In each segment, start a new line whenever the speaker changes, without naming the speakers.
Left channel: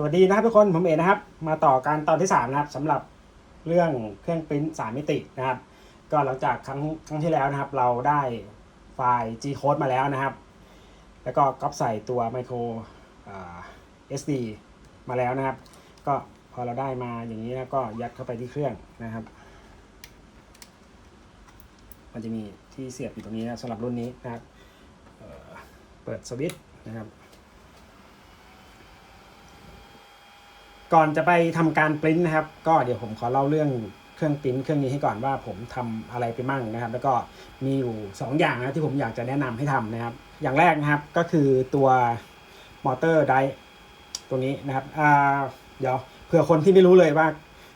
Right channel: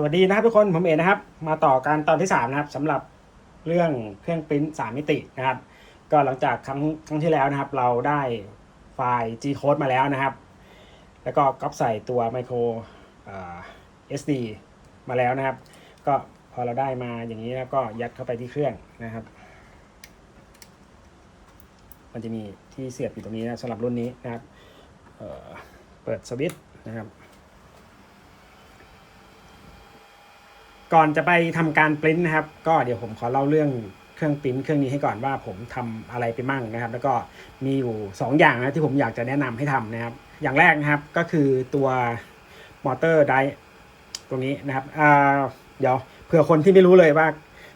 สวัสดีนะครับทุกคนผมเอกนะครับ มาต่อการตอนที่3นะครับสำหรับเรื่องเครื่องปริ้นสามมิตินะครับ ก็หลังจากครั้งครั้งที่แล้วนะครับ เราได้ไฟล์ G code มาแล้วนะครับ แล้วก็ก๊อปใส่ตัว micro อ่า SD มาแล้วนะครับ ก็พอเราได้มาอย่างนี้แล้วก็ยัดเข้าไปที่เครื่องนะครับ มันจะมีที่เสียบอยู่ตรงนี้นะสำหรับรุ่นนี้นะครับเเปิดสวิตช์นะครับ ก่อนจะไปทำการปริ้นนะครับ ก็เดี๋ยวผมขอเล่าเรื่องเครื่องปริ้นเครื่องนี้ให้ก่อนว่าผมทำอะไรไปมั่งนะครับ แล้วก็มีอยู่ 2 อย่างนะที่ผมอยากจะแนะนำให้ทำนะครับ อย่างแรกนะครับก็คือตัวมอเตอร์ไดตรงนี้นะครับอ่าเดี๋ยวเผื่อคนที่ไม่รู้เลยว่า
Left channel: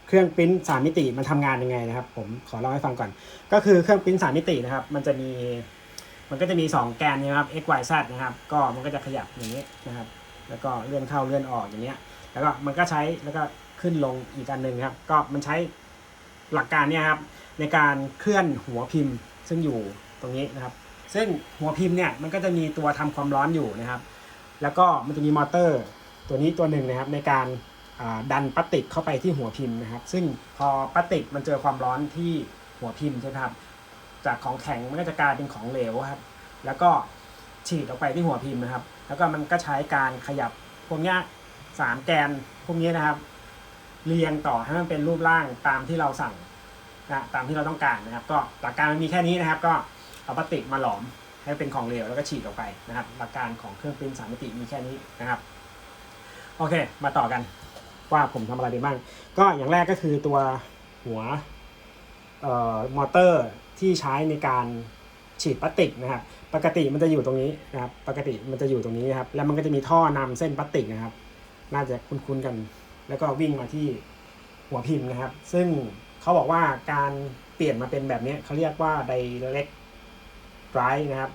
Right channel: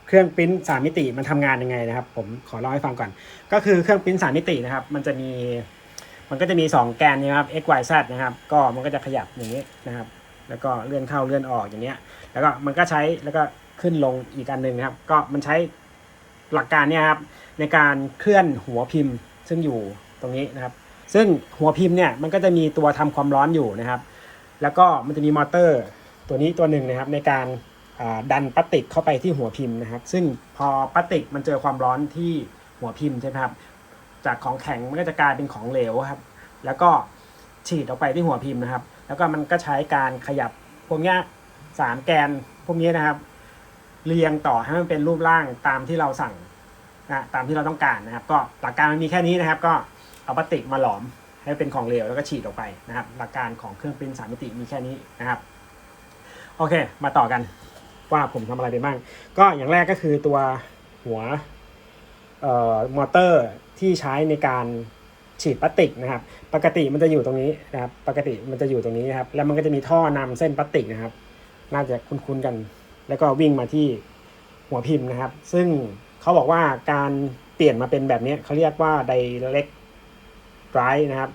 เครื่องปริ้นสามมิติมันทำงานยังไงนะครับ ผมขอเล่าให้ฟังก่อน ก็คือเครื่องปริ้นสามมิตินะครับ มันจะมีมันก็จะมี 2 แกนนะครับ x y z นะครับ ก็มันก็จะขยับอย่างนี้นะครับ แล้วก็เลื่อนเข้าเลื่อนออกอย่างเนี้ย แล้วก็มันก็ใช้แล้วก็ขึ้นลงอีกอันหนึ่งนะครับ ก็มันใช้หลักการเนี่ยครับในการเคลื่อนหัวพิมพ์ซึ่งอยู่ตรงนี้นะครับ ซึ่งหัวพิมพ์เนี่ยมันก็จะมีตัวทำความร้อนอยู่นะครับ แล้วก็มันจะมีมอเตอร์ตัวนี้ตัวหนึ่งนะครับ ในการดันพลาสติกเข้าไปที่หัวพิมพ์นะครับ ซึ่งพอพลาสติกมันเจอความร้อนที่หัวพิมพ์ใช่ไหมครับจากของแข็งมันก็จะกลายเป็นของเหลวครับ แล้วก็ฉีดออกไปที่หัวพิมพ์นะครับ แล้วก็มันก็ใช้การขยับพวกเนี้ยสามแกนพวกนี้นะครับ เรียงต่อให้มันเป็นรูปร่างตามที่เราสั่งนะตามที่เราต้องการนะครับ ก็หลักการมันมีแค่นี้นะครับ ก็เอาพลาสติกมาหลอมให้เป็นของเหลวแล้วก็ฉีดออกไปนะครับ หลักการของเครื่องปริ้นสามมิติมีแค่นี้นะครับ โอเค มาต่อกันว่าผมทำอะไรไปบ้าง ก็อย่างแรกก็คือตัวหัวเอ่อมอเตอร์ที่ใช้ในการ ฉีดพลาสติกนะครับ ปกติมันจะอยู่ตรงนี้นะครับ ปกติมันจะอยู่ตรงนี้นะครับ แล้วมันก็จะมีท่อนำเส้นพลาสติกนะครับ น่าจะคุ้นๆกัน แล้วก็วิ่งมาที่หัวพิมพ์นะครับ ซึ่งเขาบอกว่าการเปลี่ยนมาเป็นแบบนี้เขาเรียกว่า direct drive นะครับ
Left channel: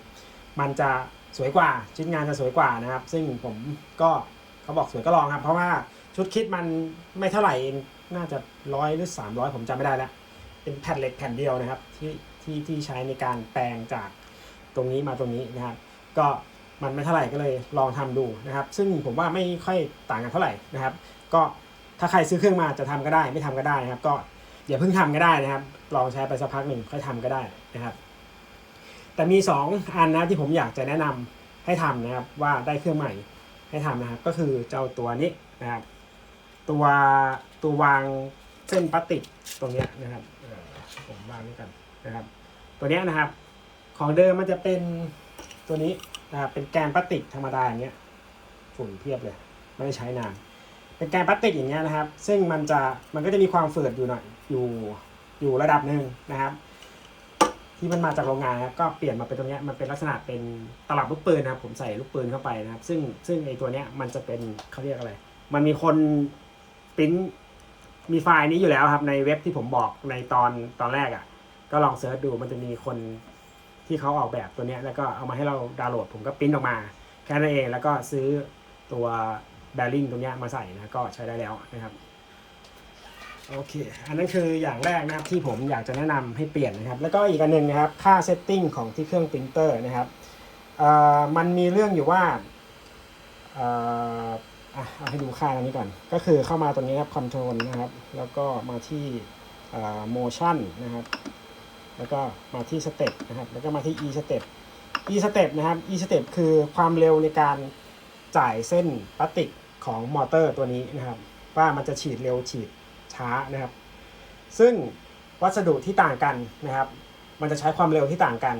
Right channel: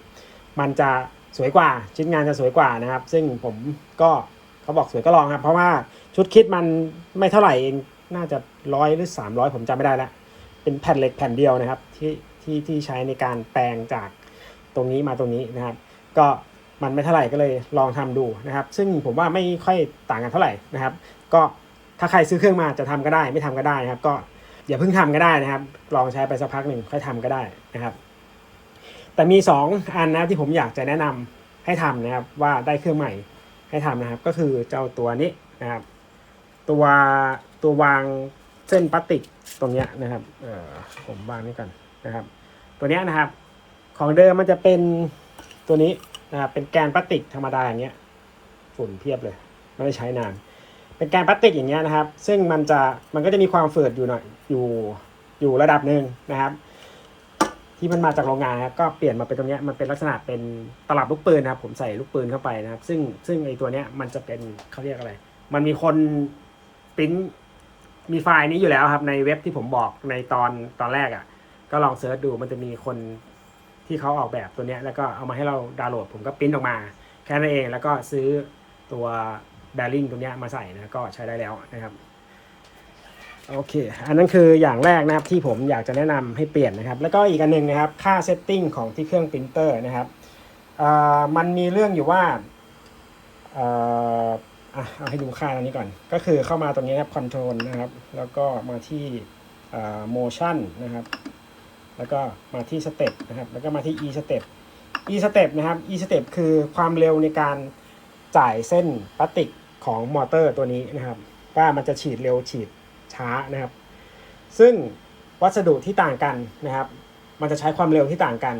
มันจะสวยกว่าชิ้นงานจะสวยกว่านะครับ ซึ่งผมก็เขาบอกสวยก็ลองครับ เพราะว่าชุดคิดมันไม่เท่าไหร่เองน่าจะร้อยหรือสามร้อยผมจำไม่ได้แล้ว เป็นแผ่นเหล็กแผ่นเดียวนะครับที่ที่ที่ใช้ในการแปลงจากตรงนี้มาตรงนี้นะครับ ก็มันไม่เท่าไหร่ก็เลยลองทำดูนะครับ ซึ่งผมว่าไม่ค่อยต่างกันเท่าไหร่นะครับ ก็ถ้าใครซื้อเครื่องมาจะทำก็ได้ ไม่ทำก็ได้นะครับ ก็อย่าเพิ่งทำก็ได้นะครับ ลองใช้ไปสักพักหนึ่งค่อยทำก็ได้นะครับ แต่มี 2 อันนะที่ผมอยากจะแนะนำให้ทำนะครับว่าได้เครื่องใหม่ให้ทำนะครับ ก็คือเจ้าตัวนี้นะครับ ตัวตัววาง เส้นพลาสติกตรงเนี้ยนะครับผมวางนี่กันนะครับ ตัวเนี้ยนะครับ ของเดิมมันจะเป็นตัวนี้นะครับเป็นแกนพลาสติกธรรมดาอย่างเงี้ยฝุ่นเพียบเลย ไม่ได้ใช้นาน เป็นแกนพลาสติกอย่างเงี้ยนะครับ ซึ่งมันจะมันก็จะมีความฝืดอยู่หน่อยอยู่อยู่ระดับหนึ่งนะครับ ที่มันมาจากโรงงานนะครับก็เปลี่ยนมาเป็นตรงเนี้ยมันเป็นลักษณะเป็นตลับลูกปืนนะครับ ผมใส่ลูกปืนเข้าไปนะครับ ซึ่งซึ่งไอตัวเนี้ยมันจะเป็นเขาเรียกอะไร มันมีคนปริ้น มีไฟล์นี้อยู่แล้วครับ ในเว็บที่ผมบอกในตอนตอนแรกอะ่ะ ก็ลองเซิร์ชดูมันจะมีคนที่เขาออกแบบตัวเนี้ยแล้วก็เอามาให้เราดาวน์โหลด ผมก็ปริ้นออกมา แค่นั้นเองแล้วก็ซื้อตัวแบริ่งตรงเนี้ยมาใส่นะก็ใช้ได้แล้วนะครับโอเค อันนั้นคืออย่างแรกนะครับที่ผมอยากจะแนะนำให้เปลี่ยนนะครับ แล้วก็อีกอันหนึ่งนะครับ ค่าเซตติ้งของที่เครื่องปรินเตอร์นะครับเอ่อมันมีเรื่องอยู่ว่าเอะเอาให้ดูค่าอันนี้ก่อน ก็คือเข้ามาตรงนี้ครับคอนโทรลนะครับ แล้วก็มาที่เอ่อ motion นะครับ แล้วก็มาที่สเต็ปนะครับ แล้วก็มาที่ e step e step นะครับ e step คือความเร็วในการจ่ายเส้นพลาสติกของมอเตอร์ตัวนี้นะครับ ว่ามันจะฉีดเร็วฉีดช้านะครับ ซึ่งวัสดุที่ต่างกันนะครับ มันจะใช้ความเร็วที่ต่างกัน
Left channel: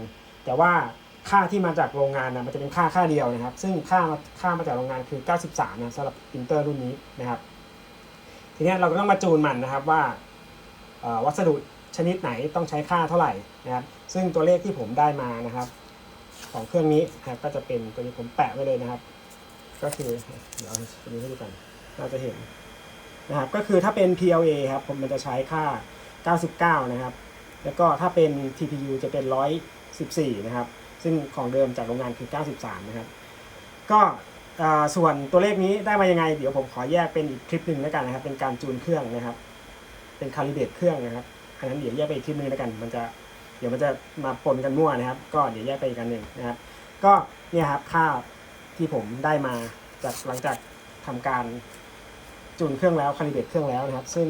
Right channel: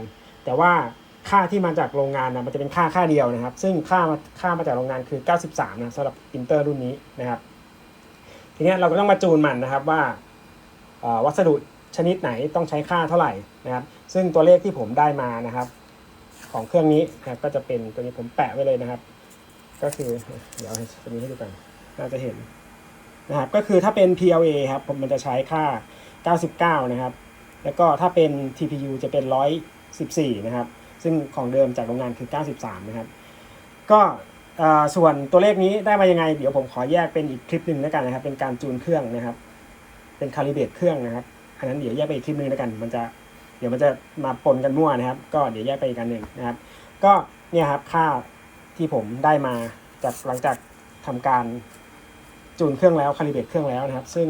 แต่ว่า ค่าที่มาจากโรงงานนะมันจะเป็นค่าค่าเดียวนะครับ ซึ่งค่ามาค่ามาจากโรงงานคือ 93นะสำหรับปรินเตอร์รุ่นนี้นะครับ ทีนี้เราก็ต้องมาจูนมันนะครับว่าวัสดุชนิดไหนต้องใช้ค่าเท่าไหร่นะครับ ซึ่งตัวเลขที่ผมได้มานะครับ ของเครื่องนี้นะก็จะเป็นตัวนี้ผมแปะไว้เลยนะครับ ก็คือเดี๋ยวตัวนี้ให้ดูกันน่าจะเห็นนะครับก็คือถ้าเป็น PLA ครับผมมันจะใช้ค่า 99 นะครับ แล้วก็ถ้าเป็น TPU จะเป็น 114 นะครับ ซึ่งของเดิมจากโรงงานคือ 93 นะครับ ก็ส่วนตัวเลขนี้ได้มายังไง เดี๋ยวผมขอแยกเป็นอีกคลิปหนึ่งแล้วกันนะครับ เป็นการจูนเครื่องนะครับ เป็นคาลิเบตเครื่องนะครับ อันนั้นเดี๋ยวแยกไปอีกคลิปหนึงแล้วกัน มันจะเดี๋ยวมันจะมาปนกันมั่วนะครับ ก็เดี๋ยวแยกไปอีกกันหนึ่งนะครับ ก็เนี่ยครับค่าที่ผมได้มาจากหลังจากทำการจูนเครื่องแล้วคาลิเบตเครื่องแล้วนะครับ ซึ่ง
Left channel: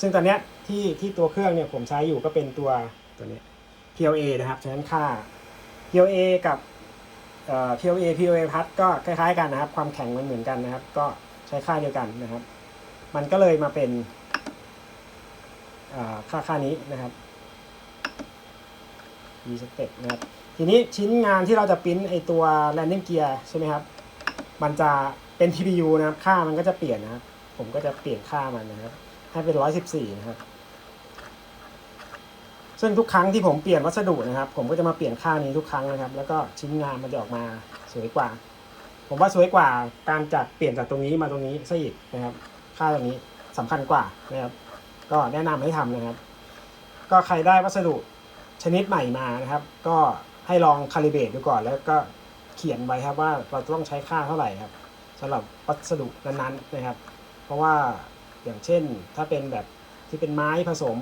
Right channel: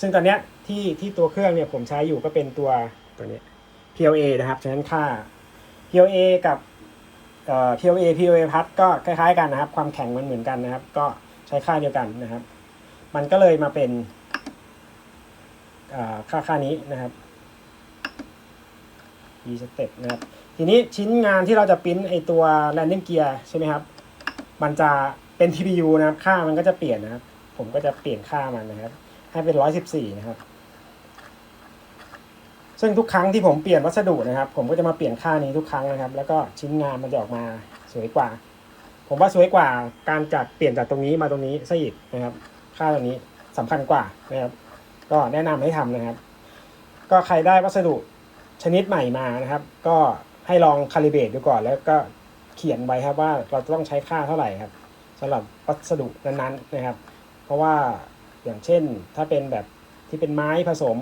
ซึ่งตอนเนี้ยที่ที่ตัวเครื่องเนี่ยผมใช้อยู่ก็เป็นตัวตัวนี้ PLA นะครับฉะนั้นค่า PLA กับเอ่อ PLA PLA พัดก็คล้ายๆกันนะครับ ความแข็งมันเหมือนกันนะครับ ก็ใช้ค่าเดียวกันนะครับ มันก็เลยมาเป็นค่าค่านี้นะครับ D step นะครับ ทีนี้ชิ้นงานที่เราจะปริ้นไอตัว landing gear ใช่ไหมครับ มันจะเป็น TPU นะครับ ค่ามันก็จะเปลี่ยนนะครับ ผมก็จะเปลี่ยนค่ามันนะครับ ให้เป็น 114 นะครับ ซึ่งทุกครั้งที่ผมเปลี่ยนวัสดุนะครับ ผมก็จะมาเปลี่ยนค่านี้ทุกครั้งนะครับ แล้วก็ชิ้นงานมันจะออกมาสวยกว่า ผมว่าสวยกว่าการจากเปลี่ยนจากตรงนี้มาตรงนี้ซะอีกนะครับ ค่าตรงนี้สำคัญกว่านะครับ ก็แนะนำให้ทำนะครับ ก็ใครได้วัสดุชนิดใหม่มานะครับ ก็ให้ลองคาลิเบรตดูก่อน แล้วก็เขียนไว้ครับว่าเราจะต้องใช้ค่าเท่าไหร่ครับสำหรับวัสดุนั้นๆนะครับ เพราะว่าอย่างเช่นถ้าเป็นแบบที่เป็นไม้ผสม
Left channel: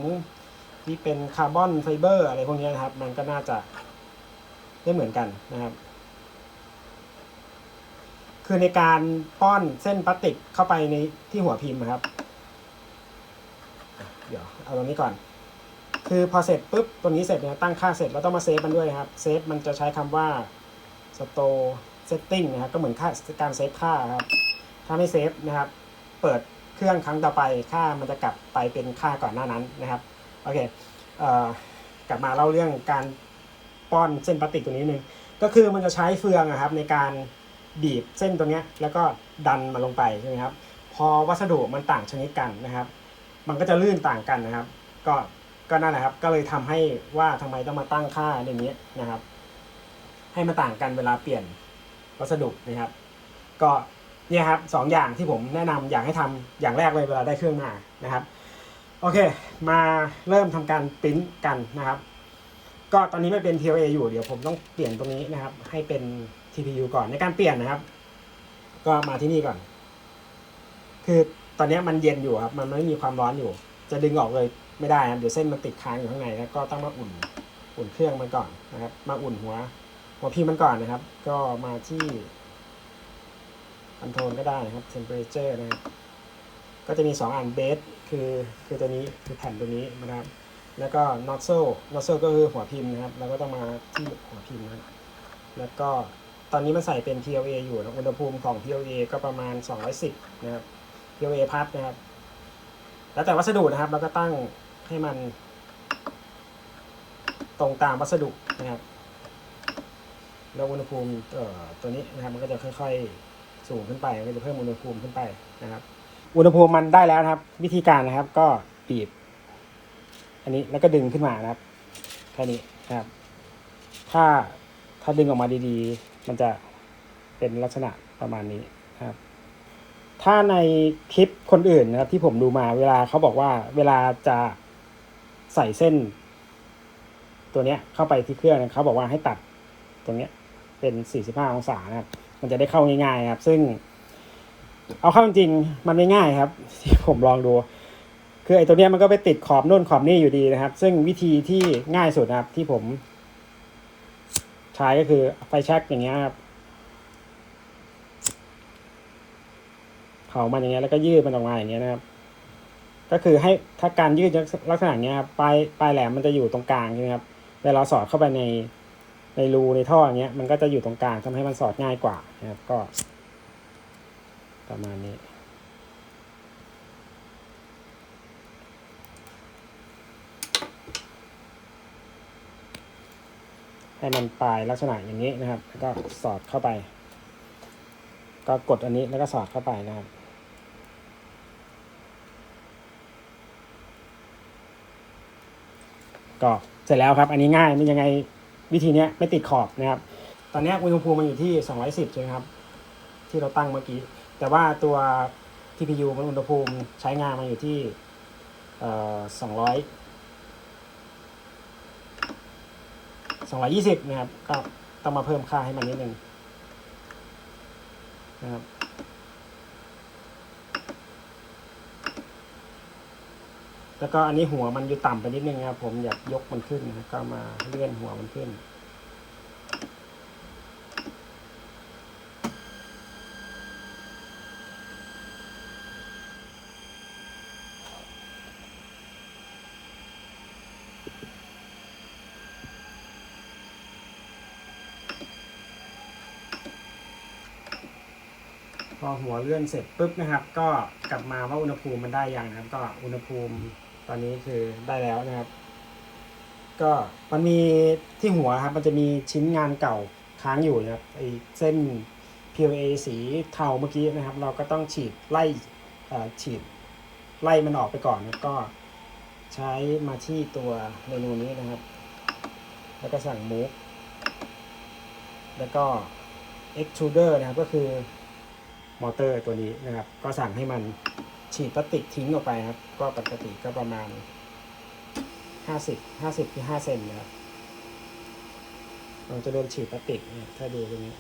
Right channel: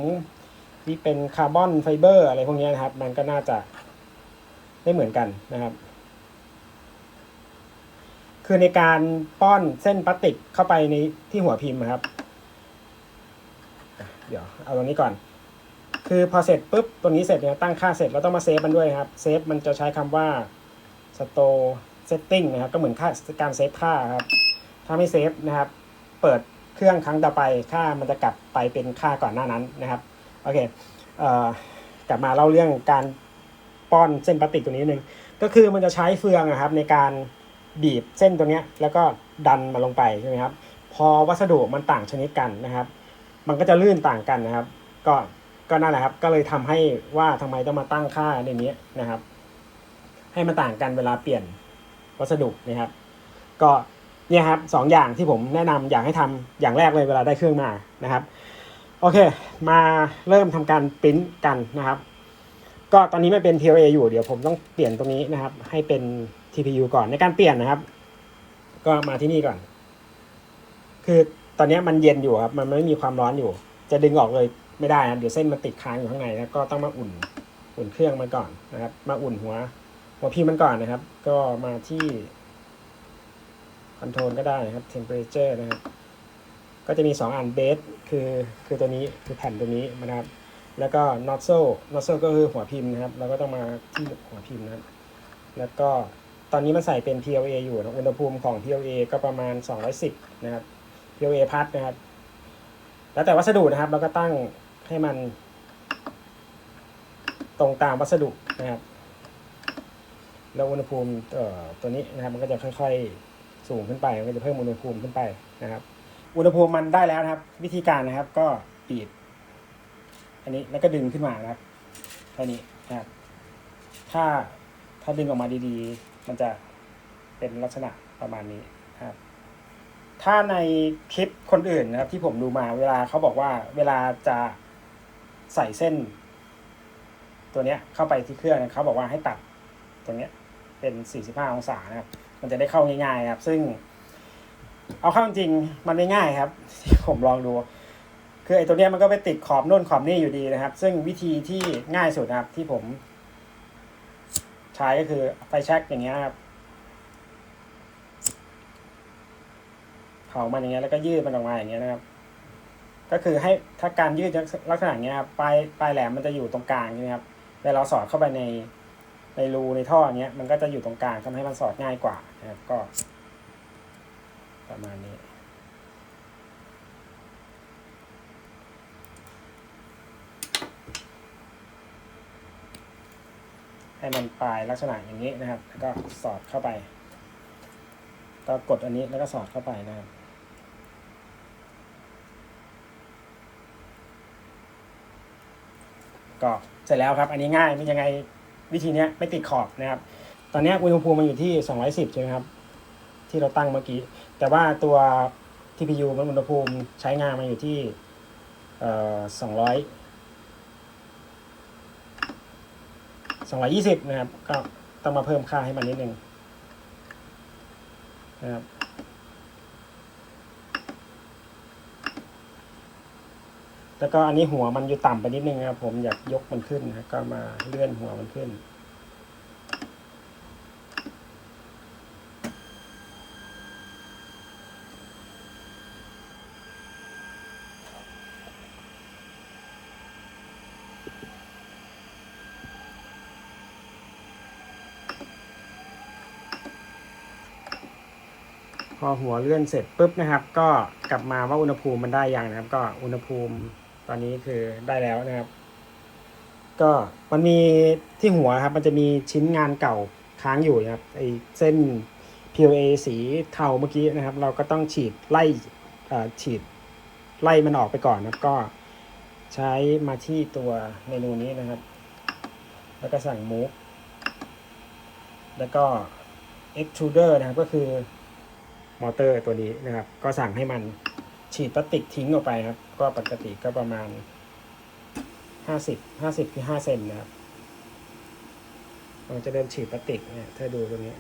ที่เป็นคาร์บอนไฟเบอร์อะไรพวกนี้นะครับ มันก็น่าจะไม่เหมือนกันนะครับ คือในการป้อนเส้นพลาสติกเข้าไปในที่หัวพิมพ์ครับ เดี๋ยวเอาตรงนี้ก่อน คือพอเสร็จปุ๊บตัวนี้เสร็จเนี่ยตั้งค่าเสร็จเราต้องมาเซฟมันด้วยครับเซฟมันจะใช้คำว่า store setting นะครับ ก็เหมือนค่าการเซฟค่าครับ ถ้าไม่เซฟนะครับ เปิดเครื่องครั้งต่อไปค่ามันจะกลับไปเป็นค่าก่อนหน้านั้นนะครับ โอเคเอ่อกลับมาเล่าเรื่องการป้อนเส้นพลาสติกตัวนี้นึง ก็คือมันจะใช้เฟืองอะครับในการบีบเส้นตัวนี้แล้วก็ดันมาลงไปใช่ไหมครับ พอวัสดุมันต่างชนิดกันนะครับ มันก็จะลื่นต่างกันนะครับ ก็ก็นั่นแหละครับ ก็เลยทำให้ว่าทำไมต้องมาตั้งค่าในนี้นะครับ ให้มันต่างกันเวลาเปลี่ยนวัสดุนะครับ ก็เนี่ยครับสองอย่างที่ผมแนะนำอยากให้ทำอย่างแรกเลยเวลาได้เครื่องมานะครับ โอเค มาเริ่มทำการปริ้นกันนะครับ ก็ตอนนี้ไม่เป็น PLA อยู่เดี๋ยวผมต้องเปลี่ยนตรงนี้นะครับ ให้เป็น TPU ก่อนในการเปลี่ยนนะครับ ก็มาที่นี่ก่อน คือตอนนี้มันเย็นอยู่ครับ มันไม่มีความร้อนอยู่ จะดึงออกเลยไม่ได้นะเดี๋ยวเส้นมันติดค้างอยู่ข้างในนะก็ต้องมาอุ่นอุ่นเครื่องมันก่อนนะครับ มาอุ่นหัว หัวพีมันก่อนนะครับ ก็มาที่คอนโทรลก็ได้นะครับ temperature นะครับ ก็จะมี 2 อันเบสคือคือตัวนี้คือแผ่นตัวนี้นะครับ แล้วก็ nozzle nozzle ก็คือหัวพิมพ์นะครับ เราก็ต้องมาที่หัวพิมพ์นะครับ แล้วก็ตอนนี้มันใส่เป็น PLA อยู่นะอุณหภูมิของ PLA ก็ประมาณ 210 นะครับ PLA พัดนะครับ แล้วแต่วัสดุนะครับ เราก็ตั้งให้มัน ตรงตามวัสดุนะครับแล้วอุณหภูมิตัวนี้นะครับ มันก็จะค่อย ๆ สูงขึ้นไป มันก็จะเพิ่มอุณหภูมิขึ้นไปนะครับ อุณหภูมิมันได้แล้วนะครับ วิธีการนะครับ ก็บีบ อันนี้แล้วก็ดึงขึ้นมานะครับแค่นี้นะครับ ถ้าถ้าดึงออกมาดีๆ มันจะเป็นลักษณะประมาณนี้นะครับ ถ้าในคลิปคนอื่นนะครับ ที่ผมดูมาเวลาเขาบอกว่าเวลาจะใส่เส้น ตัวเนี้ยเข้าไปที่เครื่องเขาบอกว่าให้ตัดตรงเนี้ยเป็น 45 องศานะมันจะได้เข้าง่ายๆครับ ซึ่ง เอาเข้าจริงมันไม่ง่ายครับ ที่ผมลองดู คือไอ้ตัวเนี้ยมันก็ไปติดขอบนู่นขอบนี่อยู่ดีนะครับ ซึ่งวิธีที่ง่ายสุดนะครับ ที่ผม ใช้ก็คือไฟแช็กอย่างเงี้ยครับเขามันอย่างเงี้ยแล้วก็ยืดมันออกมาอย่างเงี้ยนะครับ ก็คือให้ถ้าการยืดลักษณะเนี้ยครับปลายปลายแหลมมันจะอยู่ตรงกลางใช่ไหมครับเวลาสอดเข้าไปในในรูในท่อเงี้ยมันก็จะอยู่ตรงกลางทำให้มันสอดง่ายกว่านะครับก็ ประมาณนี้ ให้มันปลายลักษณะอย่างนี้นะครับ ก็สอดเข้าไป ก็กดอันนี้แล้วก็สอดเข้าไปนะครับก็เสร็จแล้วครับ อันนี้ง่ายมันยังไงวิธีนี้ไม่ติดขอบนะครับ ตอนนี้อุณหภูมิมันอยู่ที่ 210 ใช่ไหมครับ ที่เราตั้งเมื่อกี้ แต่ว่าตัว TPU มันอุณหภูมิใช้งานมาอยู่ที่เอ่อ200 220นะครับ ก็ต้องมาเพิ่มค่าให้มันนิดนึงนะครับแล้วก็อันนี้หัวมันอยู่ต่ำไปนิดนึงนะครับ ผมอยากยกมันขึ้นนะก็มาเลื่อนหัวมันขึ้น พอหัวเลื่อนเสร็จปุ๊บนะครับ ก็กลับมาว่าอุณหภูมิมันได้ยังนะครับ ก็อุณหภูมิตอนนี้คือได้แล้วนะครับ ก็มันมีที่หัวครับ มันจะมีชิ้นงานเก่าค้างอยู่นะครับไอเส้น PLA สีเทาเมื่อกี้นะครับ เราก็ต้องฉีดไล่เอ่อฉีดไล่มันออกไปก่อนนะก็ใช้มาที่ตัวเมนูนี้นะครับ แล้วก็สั่ง move แล้วก็ extruder นะครับก็คือ มอเตอร์ตัวนี้นะครับ ก็สั่งให้มันฉีดพลาสติกทิ้งออกไปครับ ก็ปกติก็ประมาณห้าสิบห้าสิบที่ห้าเซนนะครับเราจะเริ่มฉีดพลาสติกเนี่ยถ้าดูตรงนี้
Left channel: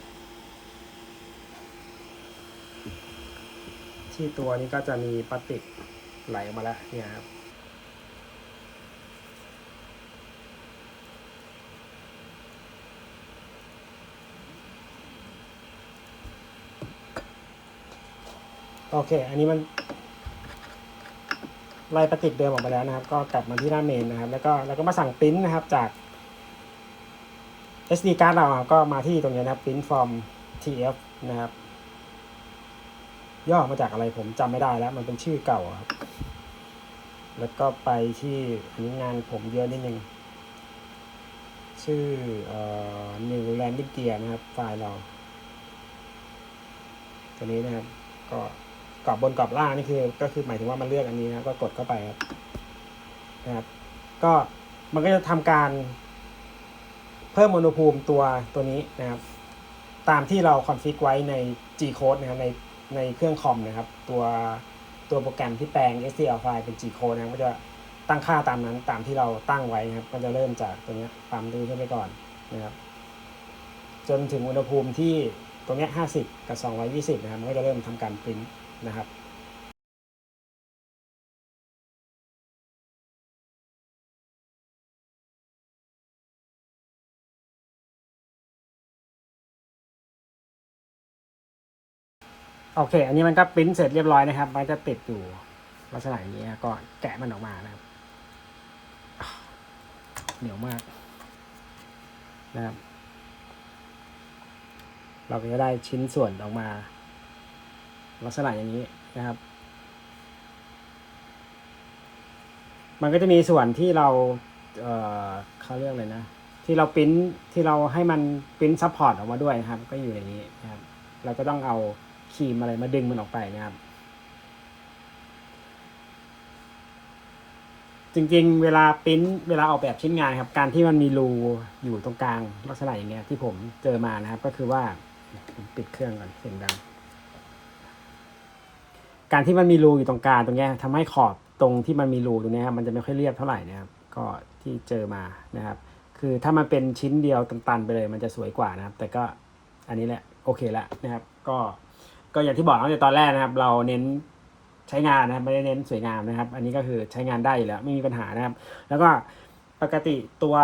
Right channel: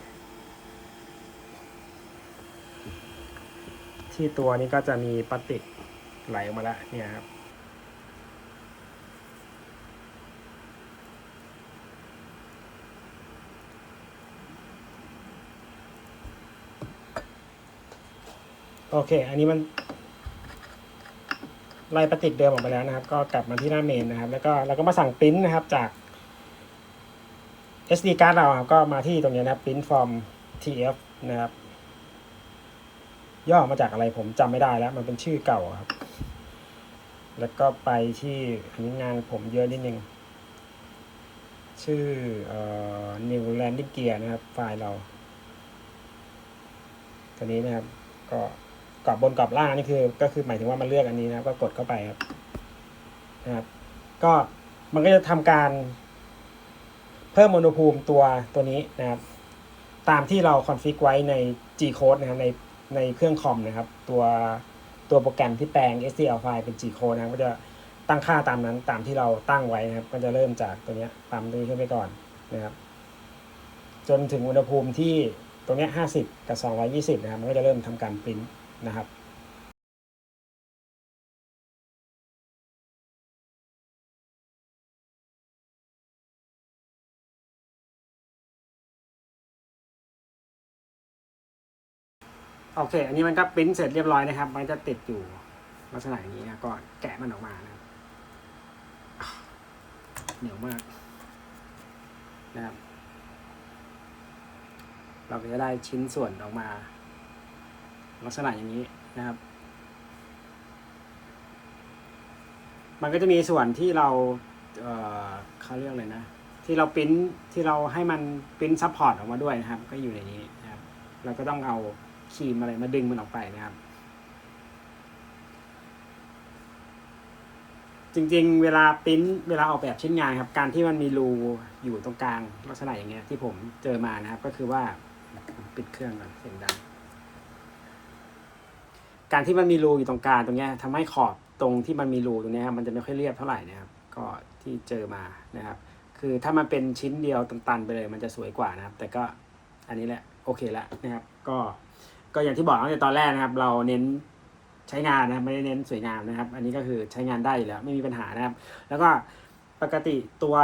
ที่ตัวนี้ก็จะมีพลาสติกไหลออกมาแล้วเนี่ยครับ โอเค อันนี้มันไล่ปฏิกเดิมออกไปแล้วนะครับ ก็กลับมาที่หน้าเมนนะครับ แล้วก็เราก็มาสั่งปริ้นนะครับจาก SD card เราครับก็มาที่ตรงนี้นะครับ print from TF นะครับ ย่อมาจากอะไรผมจำไม่ได้แล้ว มันเป็นชื่อเก่าครับ แล้วก็ไปที่นนี้งานผมเยอะนิดนึงชื่อเอ่อ New Landing Gear นะครับ ไฟล์เรา ตัวนี้นะครับก็ รอบบนกรอบล่างนี่คือก็คือหมายถึงว่ามันเลือกอันนี้นะก็กดเข้าไปครับนะครับ ก็มันก็จะทำการเพิ่มอุณหภูมิตัวตัวนี้นะครับ ตามที่เราคอนฟิกไว้ใน G code นะครับในในเครื่องคอมนะครับ ตัวตัวโปรแกรมที่แปลง STL ไฟล์เป็น G code นะก็จะตั้งค่าตามนั้นตามที่เราตั้งไว้นะครับ ก็จะเริ่มจากตัวนี้ตามนี้ขึ้นไปก่อนนะครับ จนถึงอุณหภูมิที่ตรงนี้50 กับ 220 นะครับ มันก็จะเริ่มทำการปริ้น นะครับโอเค อันนี้มันก็ปริ้นเสร็จเรียบร้อยนะครับ มันจะติดอยู่ลักษณะส่างนี้ก็แกะมันออกมานะเหนียวมากนะครับเราก็จะได้ชิ้นส่วนออกมา ลักษณะอย่างนี้นะครับ มันก็จะมีส่วนที่เราเเขาเรียกอะไรนะ ที่เราปริ้นที่เราให้มันปริ้นซัพพอร์ตออกมาด้วยนะครับ ก็อยู่ในนี้นะครับเราก็ต้องเอาครีมอะไรมาดึงมันออกไปนะครับ จริงๆ เวลาปริ้นเวลาออกแบบชิ้นงานครับ การที่มันมีรูอยู่ตรงกลางลักษณะอย่างเนี้ยที่ผมเจอมานะครับ ก็คือว่าผมติดเครื่องเสียงดัง การที่มันมีรูอยู่ตรงกลางตรงเนี้ยทำให้ขอบตรงที่มันมีรูตรงเนี้ยครับมันจะไม่ค่อยเรียบเท่าไหร่นะครับก็ที่เจอมานะครับ คือถ้ามันเป็นชิ้นเดียวตันๆไปเลย มันจะสวยกว่านะครับ แต่ก็อันนี้แหละโอเคแล้วนะครับ ก็ก็อย่างที่บอกตั้งแต่ตอนแรกนะครับ เราเน้นใช้งานนะครับไม่ได้เน้นสวยงามนะครับ อันนี้ก็คือใช้งานได้อยู่แล้วไม่มีปัญหานะครับ แล้วก็ปกติตัว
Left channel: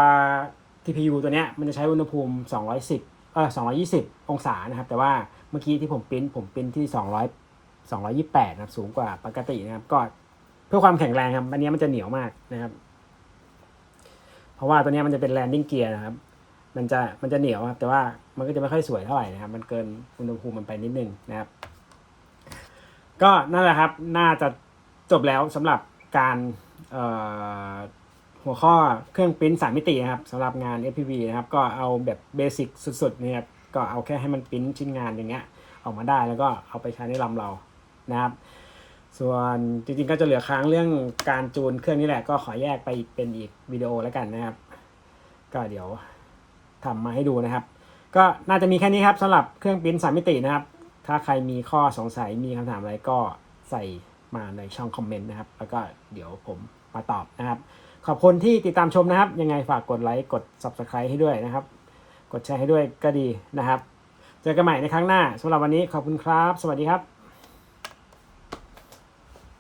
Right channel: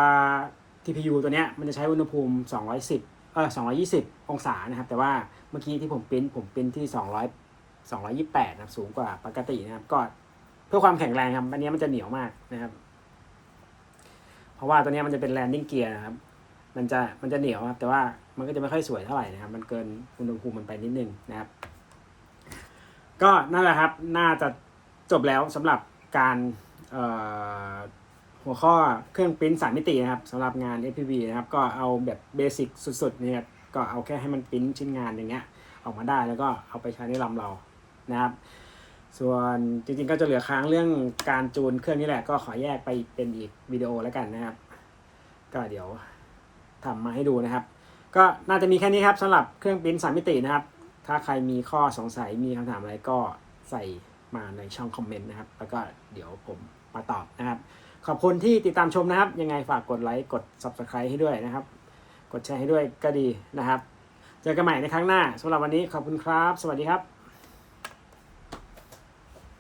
TPU ตัวเนี้ยมันจะใช้อุณหภูมิ 210เอ่อ220 องศานะครับ แต่ว่าเมื่อกี้ที่ผมปริ้นผมปริ้นที่ 200 228นะครับสูงกว่าปกตินะครับ ก็เพื่อความแข็งแรงครับ อันนี้มันจะเหนียวมากนะครับ เพราะว่าตัวนี้มันจะเป็น landing gear นะครับ มันจะมันจะเหนียวครับแต่ว่ามันก็จะไม่ค่อยสวยเท่าไหร่นะครับ มันเกินอุณหภูมิมันไปนิดนึงนะครับ ก็นั่นแหละครับ น่าจะจบแล้วสำหรับการหัวข้อเครื่องปริ้นสามมิตินะครับสำหรับงาน FPV นะครับ ก็เอาแบบเบสิกสุดๆนะครับก็เอาแค่ให้มันปริ้นชิ้นงานอย่างเงี้ยออกมาได้แล้วก็เอาไปใช้ในลำเรา นะครับ ส่วนจริงๆก็จะเหลือค้างเรื่องการจูนเครื่องนี้แหละ ก็ขอแยกไปเป็นอีกวิดีโอแล้วกันนะครับ ก็เดี๋ยวทำมาให้ดูนะครับ ก็น่าจะมีแค่นี้ครับสำหรับเครื่องปริ้นสามมิตินะครับ ถ้าใครมีข้อสงสัยมีคำถามอะไรก็ใส่มาในช่องคอมเมนต์นะครับ แล้วก็เดี๋ยวผมมาตอบนะครับ ขอบคุณที่ติดตามชมนะครับ ยังไงฝากกดไลค์กด Subscribe ให้ด้วยนะครับ กดแชร์ให้ด้วยก็ดีนะครับ เจอกันใหม่ในครั้งหน้าสำหรับวันนี้ขอบคุณครับ สวัสดีครับ